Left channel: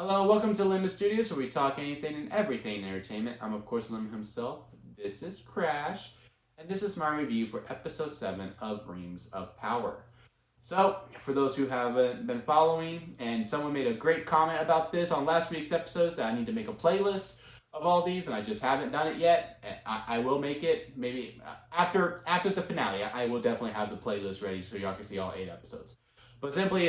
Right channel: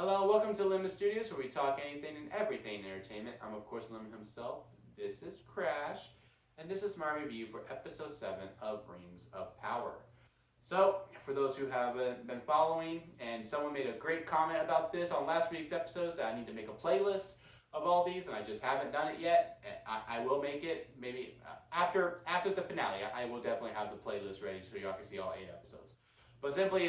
Hello, welcome to Limit Studios, where we talk anything and everything in entertainment. I'm, of course, Lim himself. This is Crash, and this is my review for Episode 7 of Rings of Power. So, for those who haven't been following, and someone made a great comment about this on last week's episodes, that I need to make a playlist of all these, and I just haven't done it yet. I will make it, maybe after the finale. I will definitely have the playlist ready so y'all can see all 8 episodes. But simply,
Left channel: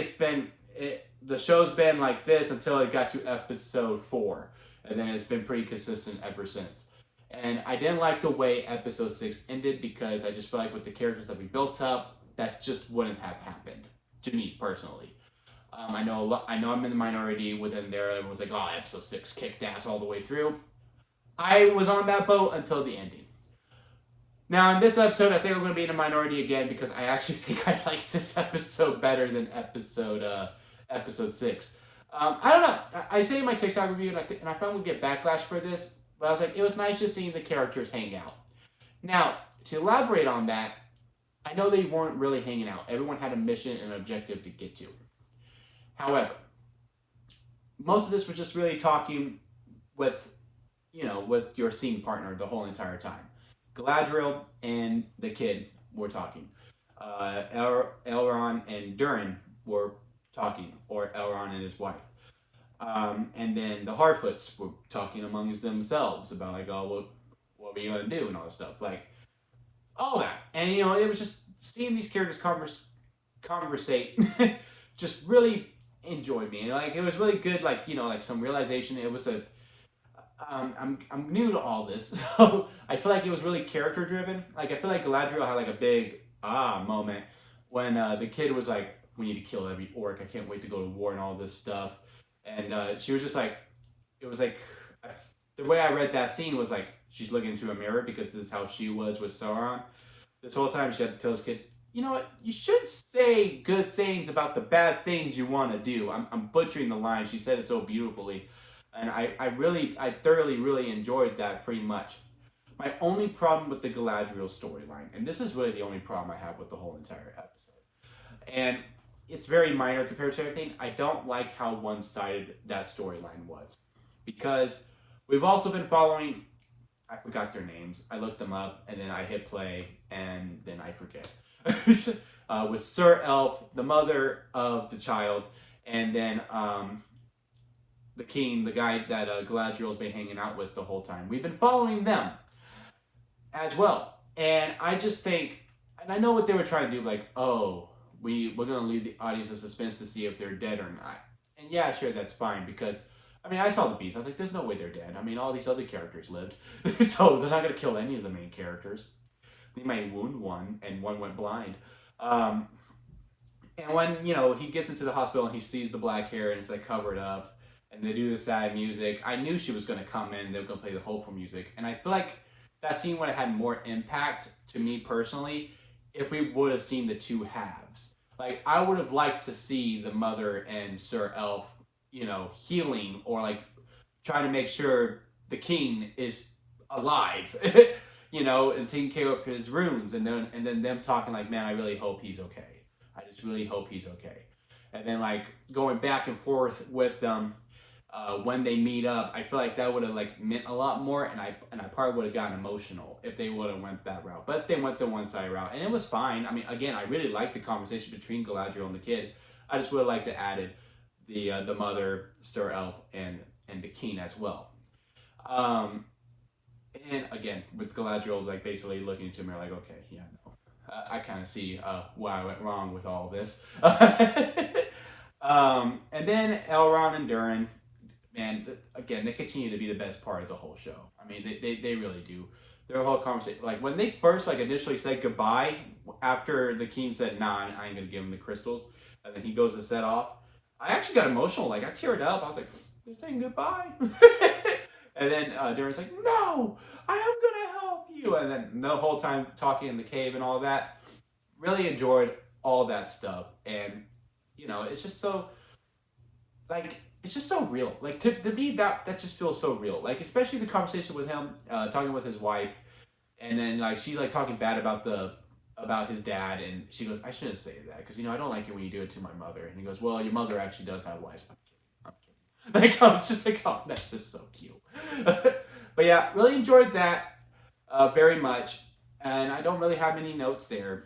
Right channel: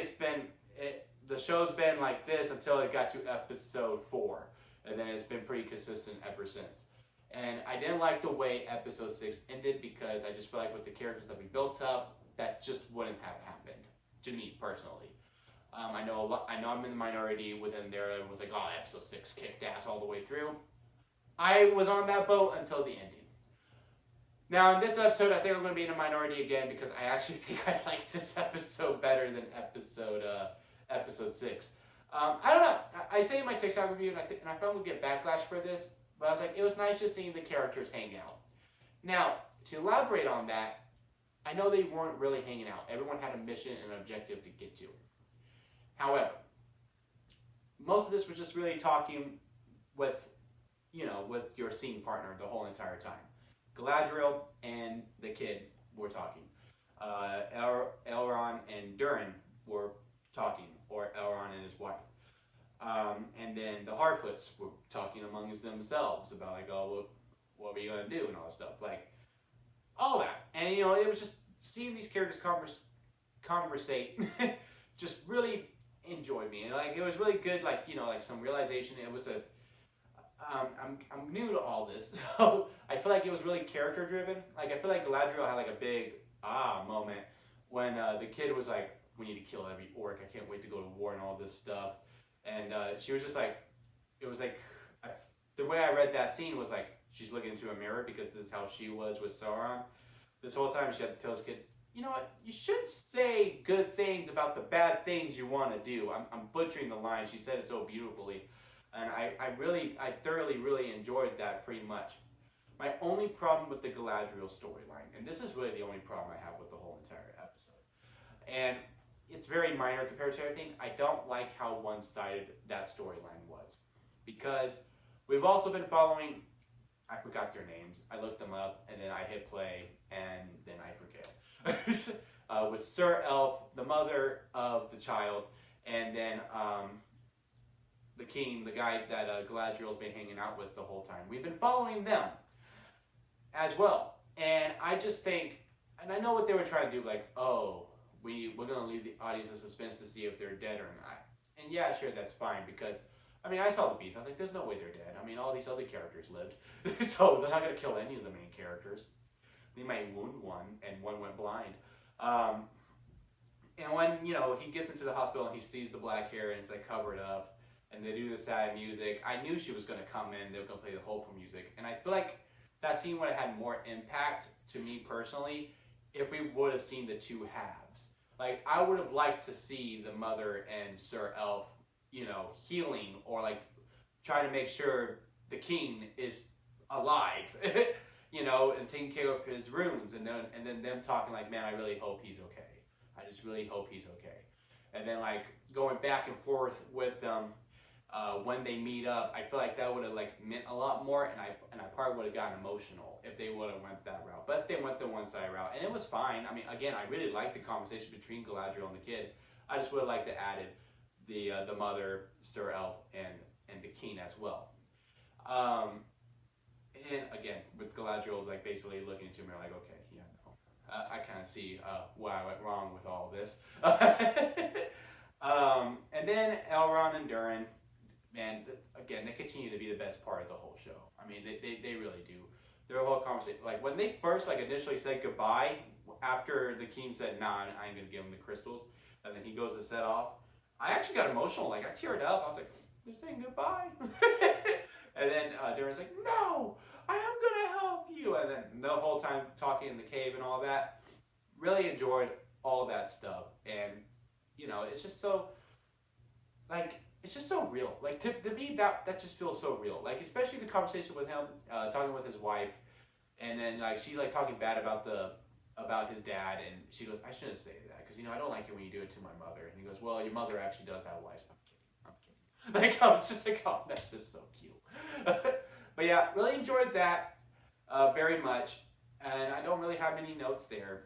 the show's been like this until it got to episode 4, and then it's been pretty consistent ever since. And I didn't like the way episode 6 ended because I just felt like with the characters that we built up, that just wouldn't have happened to me personally. I know I'm in the minority within there. Everyone was like, "Oh, episode 6 kicked ass all the way through." I was on that boat until the ending. Now, in this episode, I think I'm going to be in a minority again because I actually think I like this episode better than episode 6. I don't know. I say in my TikTok review, and I found we'll get backlash for this, but I was like, it was nice just seeing the characters hang out. Now, to elaborate on that, I know they weren't really hanging out. Everyone had a mission and an objective to get to. However, most of this was just really talking with your scene partner the whole entire time. Galadriel and the kid were talking. Elrond and Durin were talking, or Elrond and his wife. And then the Harfoots were talking amongst themselves about like, oh, what are you gonna do and all that stuff, like all that. And it was just seeing these characters conversate, just really enjoyed me. And like it was really good, like like some realization. It was I'm new to all this, so I feel like it was really character driven. Like I feel like Galadriel had like a big moment when the kid was like, "We need to kill every orc. I can't wait to go to war and all this stuff." And she was just like, it was like the way I read that scene was like she's looking into a mirror because this is how she was with Sauron. This whole time she had to tell this kid, "You know what? You should say good things about the bad things you want to do." I'm butchering the line. She said it so beautifully. And I thoroughly, really enjoyed that pretty much. My only problem with the Galadriel storyline, and this is really the only problem I have with the whole entire episode, and it's very minor compared to everything, I don't like how one-sided that storyline was. Because we've also been following, I forgot their names, I looked them up, and then I hit play, and then I forget. With Sir Elf, the mother of the child, and then the king, the guy that Galadriel's been hanging out with the whole time. We've been following them as well. And I just think, and I know what they were trying to do, like, oh, we're going to leave the audience in suspense to see if they're dead or not. And yeah, sure, that's fine, because, I mean, I saw the beast. I was like, there's no way they're dead. I mean, all these other characters lived. So they're not going to kill any of the main characters. They might wound one, and one went blind. And when, he gets into the hospital and he sees the black hair and it's, like, covered up, and they do the sad music, I knew she was going to come in and they were going to play the hopeful music. And I feel like that scene would have had more impact to me personally if we would have seen the two halves. Like, I would have liked to see the mother and Sir Elf, healing, or like trying to make sure the king is alive, and taking care of his wounds, and then them talking like, man, I really hope he's okay. I just really hope he's okay. And then like going back and forth with them when they meet up, I feel like that would have like meant a lot more, and I probably would have gotten emotional if they would have went that route. But they went the one-side route, and it was fine. I mean, again, I really liked the conversation between Galadriel and the kid. I just would have liked to added the mother, Sir Elf, and the king as well. And again, with Galadriel like basically looking into me like, okay, yeah, no, I kind of see where I went wrong with all this. And then Elrond and Durin. Man, again, they continue to be the best part of the whole show. I mean, they really do. Their whole conversation, like when they first like initially said goodbye after the king said, "Nah, I ain't gonna give him the crystals," and then he goes to set off. I actually got emotional. Like I teared up. I was like, "They're saying goodbye," and then Durin's like, "No, I am gonna help you," and then the whole time talking in the cave and all that. Really enjoyed all that stuff, and it's just so like. It's just so real. Like to me, that just feels so real. Like especially the conversation with him, talking with his wife, and then like she's like talking bad about his dad, and she goes, "I shouldn't say that because I don't like it when you do it to my mother." And he goes, "Well, your mother actually does have lice." I'm Like, I was just like, oh, that's just so cute. But yeah, really enjoyed that very much. And I don't really have any notes there.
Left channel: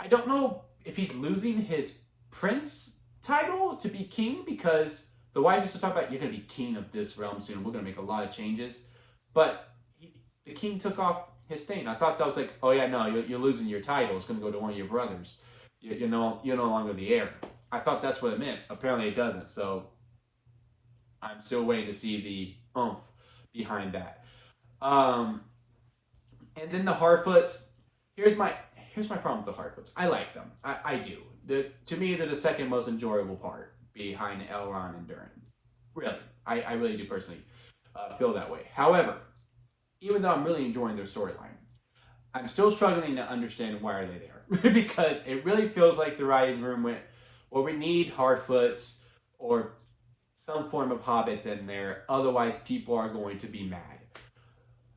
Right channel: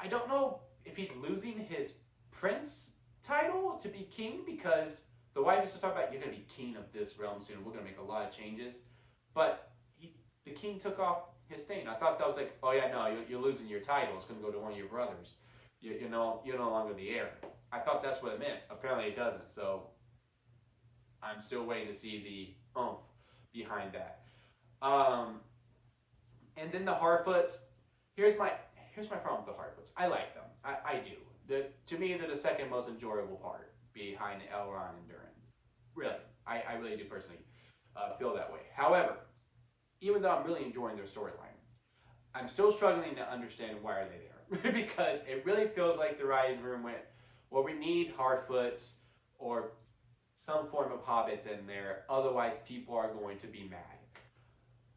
I don't know if he's losing his prince title to be king, because the wife used to talk about, you're going to be king of this realm soon. We're going to make a lot of changes. But the king took off his thing. I thought that was like, oh yeah, no, you're losing your title. It's going to go to one of your brothers. You're no longer the heir. I thought that's what it meant. Apparently it doesn't. So I'm still waiting to see the oomph behind that. And then the Harfoots. Here's my problem with the Harfoots. I like them. I do. To me, they're the second most enjoyable part behind Elrond and Durin. Really, I really do personally feel that way. However, even though I'm really enjoying their storyline, I'm still struggling to understand why are they there. Because it really feels like the writing room went, well, we need Harfoots or some form of hobbits in there, otherwise people are going to be mad.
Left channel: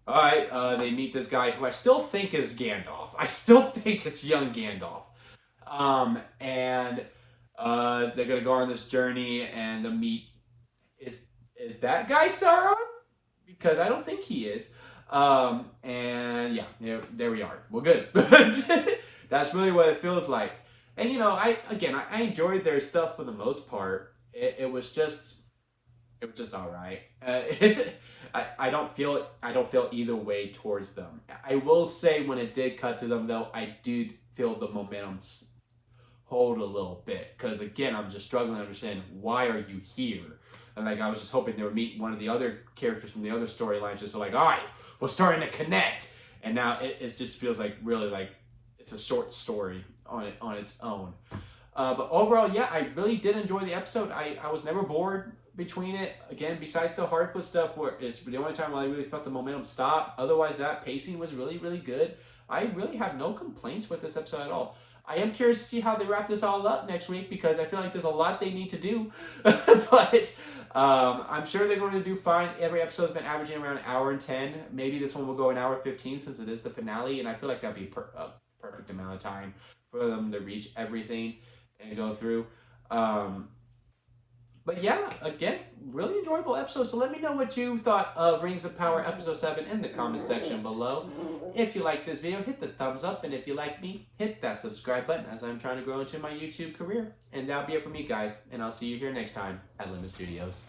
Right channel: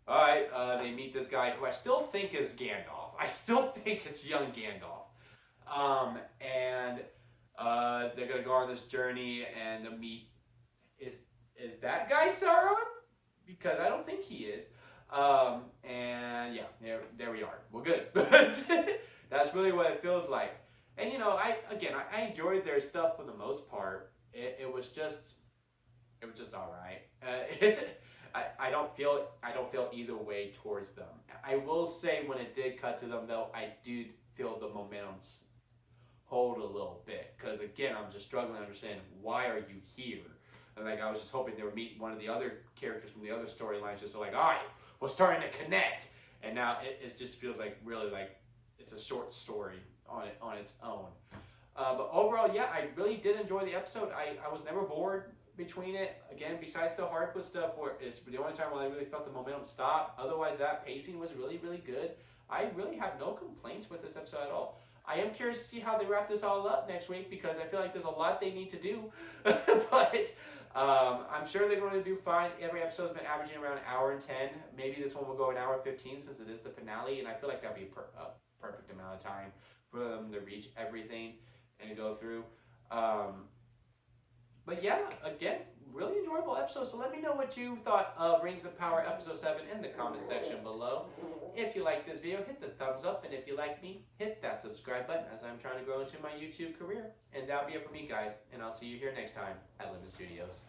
All right, they meet this guy who I still think is Gandalf. I still think it's young Gandalf. And they're gonna go on this journey and the meet is that guy Sauron? Because I don't think he is. And yeah, there we are. We're good. That's really what it feels like. And you know, I enjoyed their stuff for the most part. It was just all right. I don't feel either way towards them. I will say when it did cut to them though, I did feel the momentum hold a little bit, because again, I'm just struggling to understand, why are you here? And like, I was just hoping they would meet one of the other characters from the other storylines, just so like, all right, we're starting to connect. And now it just feels like really like it's a short story on its own. But overall, yeah, I really did enjoy the episode. I was never bored between it. Again, besides the Harfoot stuff, where it's the only time when I really felt the momentum stop. Otherwise, that pacing was really, really good. I really have no complaints with this episode at all. I am curious to see how they wrap this all up next week, because I feel like there's a lot they need to do. But I'm sure they're going to do fine. Every episode's been averaging around an hour and 10. Maybe this one will go an hour 15 since it is the finale, and I feel like that'd be a perfect amount of time for them to reach everything and go through. But yeah, again, really enjoyable episode. So let me know what you thought of Rings of Power Episode 7 in the comment section below. If you like this video, hit the thumbs up. And if you like me, hit that subscribe button, as I'm trying to grow into my YouTube career. And that'll be it for me, guys. And I'll see you here next time at Limit Studios.